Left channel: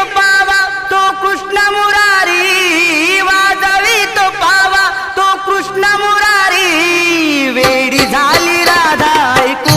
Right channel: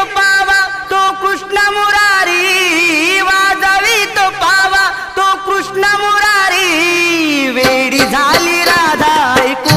तो पावा तो कृष्ण मुरारी, वाजवी तो पावा तो कृष्ण मुरारी, वेडी झाली राधा ऐकू